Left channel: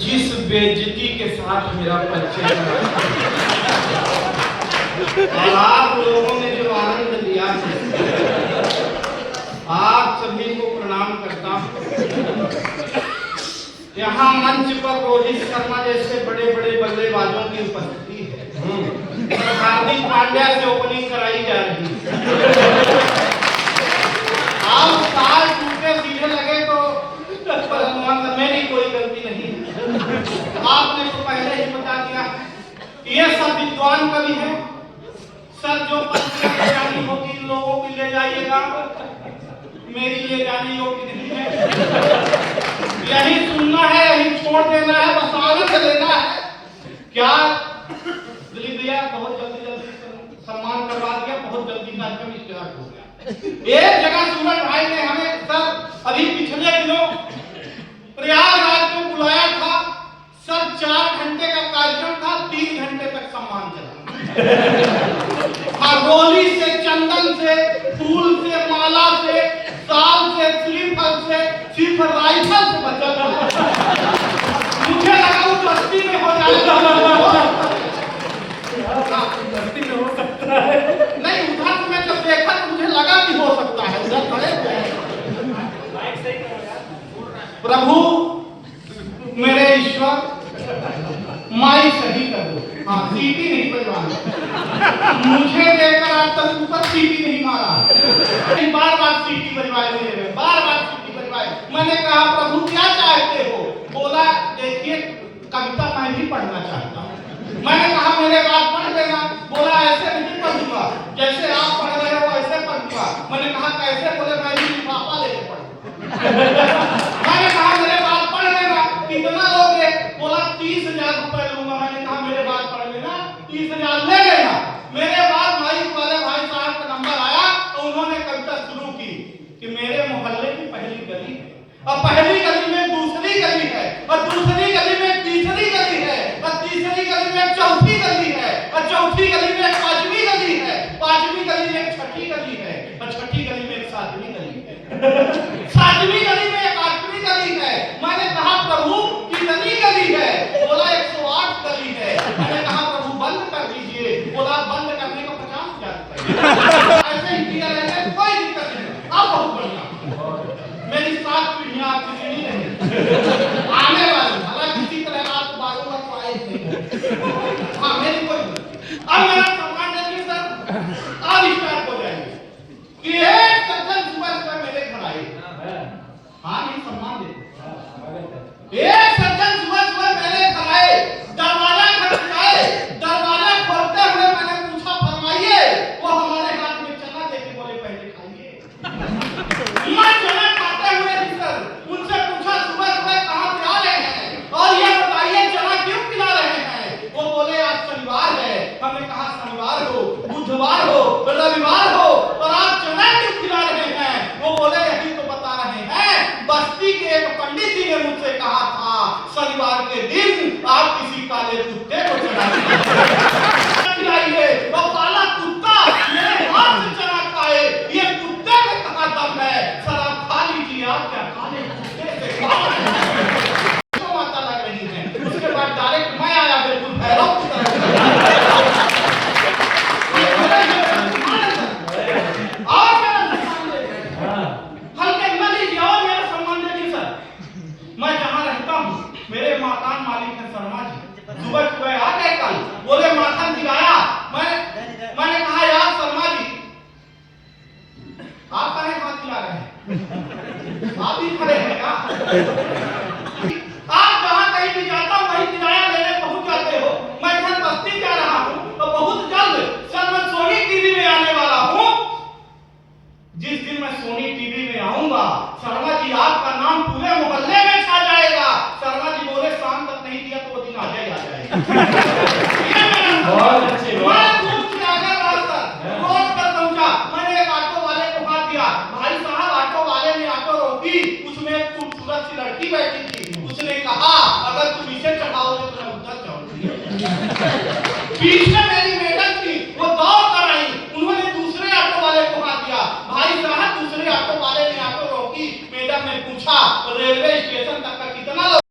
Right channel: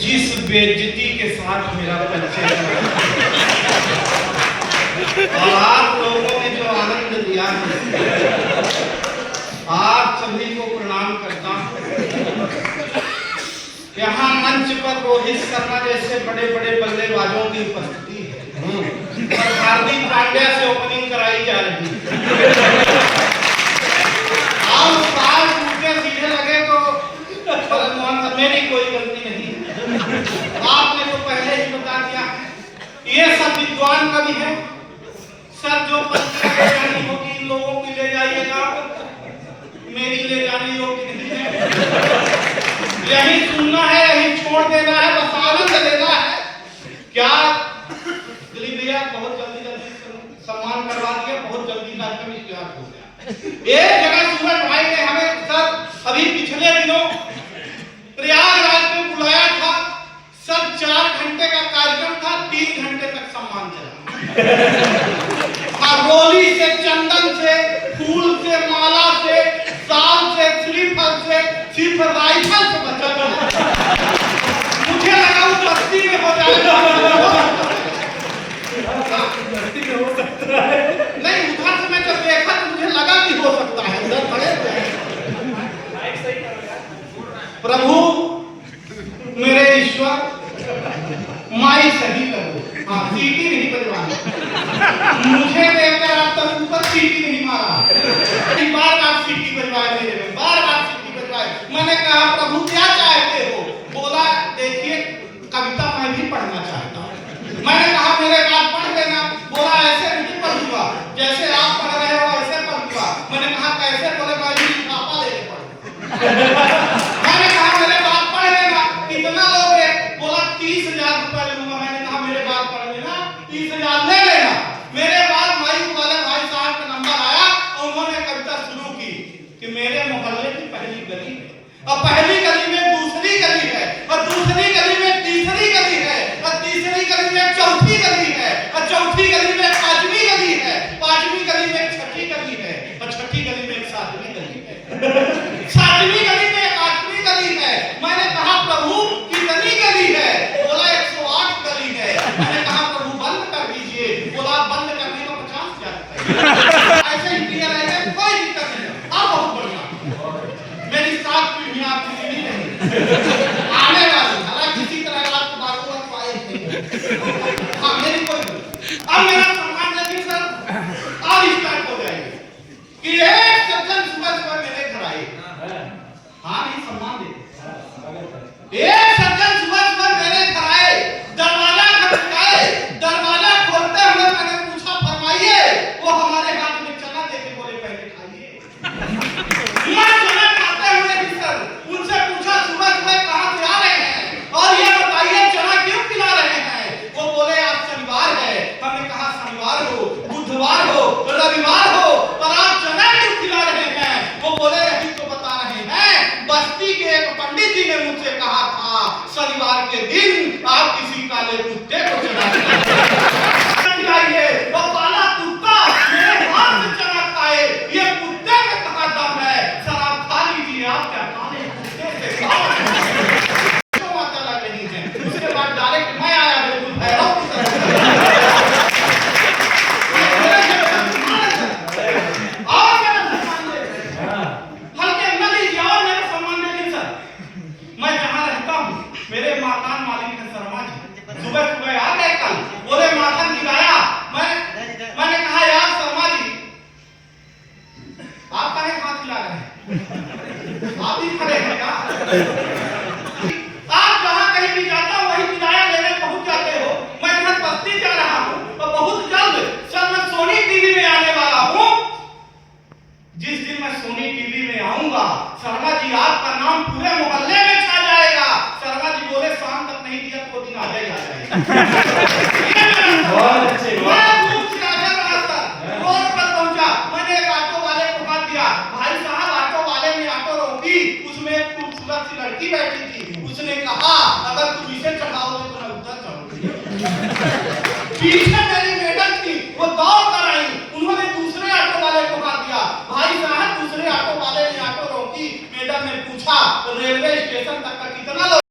जिस बेइज्जती के साथ मेरा परिचय आप लोगों ने जो आनंद लिया आप सभी को प्रणाम करता हूं। यहाँ मंच पर रोहित शर्मा जैसे बड़े बड़े बल्लेबाजों की उपस्थिति है। हार्दिक पांड्या से ओपनिंग कराई जा रही है। आप ताल टूटे सीधे लगे तो मेरी कोई गलती नहीं। आपने तो पहले ही बता दिया। ये सब विद्वान कवि है। सर जो पत्रिका ले जानी होगी इन लोगों की ले जाइएगा, मेरी ले जाने योग्य नहीं है। यही सुनना है, यही छोड़ देना है, बस आनंद लेना है। क्या दिलीप भैया बहुत जल्दी जल्दी सम्मान करवा दिया, बहुत जल्दी कार्यक्रम स्टार्ट हो गया। एक जगह सूरज भाई ने हमें सर अभी पिछले दिनों प्रयागराज में बुलाया था। सर 4 घंटे का कार्यक्रम था, 3 घंटे तक सम्मान चला। रोली से, चंदन से, फूल से, माला से, साल से, स्लीपर से, सिर्फ राइफल से बचा। मुझे लगा वो बस्ती में हो जाएगा। बस्ती में हो सकता है नहीं, उधर से मैं जब देखा तो मुझे लगा कि हो सकता है। उधर खड़े प्रभु मेरे ईश्वर माई सही कर दो। हाँ, सीटी नहीं बजवानी। मुझे देखकर आप तक ऊपर सीटी नहीं मारा। बार बार सीटी बजवाए मेरे में, बार बार सीटी बजवाए। मैंने कहा प्रभु क्या चाहते हो? बोला देखिए कविता मैं भी पढ़ना चाहता हूँ। मैंने कहा मेरे बाद पढ़ देना। बोला ऐसे नहीं पढ़ूंगा, जैसे आप पढ़ रहे हो ऐसे पढ़ूंगा। मैंने कहा कैसे? बोले मैं भी पापा लेके पढ़ूंगा। मैंने कहा मेरे बाद पढ़ लेना। कितना लोगे? बोला 30,000 रुपए लूंगा। मैंने कहा मेरे बाद पढ़ लेना, 30,000 ले लेना। मेरे बाद माइक वाले भाई साहब का नंबर आया और उन्होंने कविता शुरू की कि मेरे मोहल्ले की पहली गली है और पहली गली में दूसरी गली है और दूसरी गली में तीसरी गली है और तीसरी गली में चौथी गली है और चौथी गली में पांचवी गली है, पांचवी गली में छठी गली है और छठी गली में सातवीं गली है, सातवीं गली में आठवीं गली है। मैंने कहा प्रभु कितनी गली है? बोला 108 गली है। मैंने कहा प्रभु बंद कर दीजिए। बोला बंद करने का 50,000 ऐसे ही क्लियर है, कोई दिक्कत नहीं। अब बहुत बढ़िया मेरी 7 पीढ़ियां आपकी पीढ़ी नहीं आने वाली। हालांकि किसी तरह आपको बारों को आए थे। हाँ मेरी कोई अब मेरा सम्मान देखिए सर और स्टार्ट हो जाएगा कि एक सज्जन सुबह सुबह मेरे घर आए। हाँ नहीं सम्मान दे। एक सज्जन सुबह सुबह मेरे घर आए, दरवाजा खटखटाए। दरवाजा खोलते हुए मैंने पूछा फरमाइए। वो हमारे हाथ में चना देके बोले पहले खाइए। मैं चना खाते हुए भी सर उनसे पूछा सुबह सुबह कहाँ से आ रहे हैं और ये बताइए चना क्यों खिला रहे हैं? वो बोले आज शनिवार है। हमने कहा शनिवार हो, बुधवार हो, रविवार हो और आप चना क्यों खिला रहे हैं? वो बोले यही तो बता रहे हैं। बस्ती के एक पंडित जी ने मुझसे कहा था शनिवार के दिन आप किसी काले कुत्ते को खिलाइए। वो काला कुत्ता मेरे हाथ से चना खाए, ये कुत्ते में कहाँ दम है? सर आप खा लीजिए। आप क्या काले कुत्ते से क्यों माता लग रही है? उसके बाद डायरेक्ट मैं आया बिल्कुल भैरव की तरह। मैं जहाँ रहता हूँ मेरे मकान मालिक है शर्मा जी। सुबह सुबह आ गए कल, बोले माखन गिराया। मैंने कहा यार शर्मा जी आप काहे हाथ खिला रहे हैं? आप ही खड़े हैं क्या? आप जहाँ कहीं भी जाता हूँ वहीं किराया लेने पहुँच जाते हो। मैं घर बस्ती जा रहा हूँ तो बहुत जल्द सर मैं सोनी टीवी में आने वाला हूँ। जिस दिन मैं सोनी टीवी में आऊंगा शर्मा जी आपका नाम पूरे मोहल्ले में छा जाएगा। शर्मा जी बोले शाम तक नहीं दिया तो वो दिन आ जाएगा। बहुत अच्छे। मैं धूप छिड़ाकर रास्ता रोड पर पहुंचा। मैंने एक ऑटो वाले को बात दिया, भाई साहब ऑटो वाले ने ऑटो रोकी, उसमें एक खूबसूरत सी लड़की बैठी थी। उसने कहा अगर तुम इसे चढ़ाओगे तो मैं उधर चढ़ूंगी। पीछे मेरी मैडम थी, वो दौड़ कर आई। उन्होंने दूसरे ऑटो वाले को बात दिया, भाई साहब दूसरे ऑटो वाले ने मैडम ने पूछा रेलवे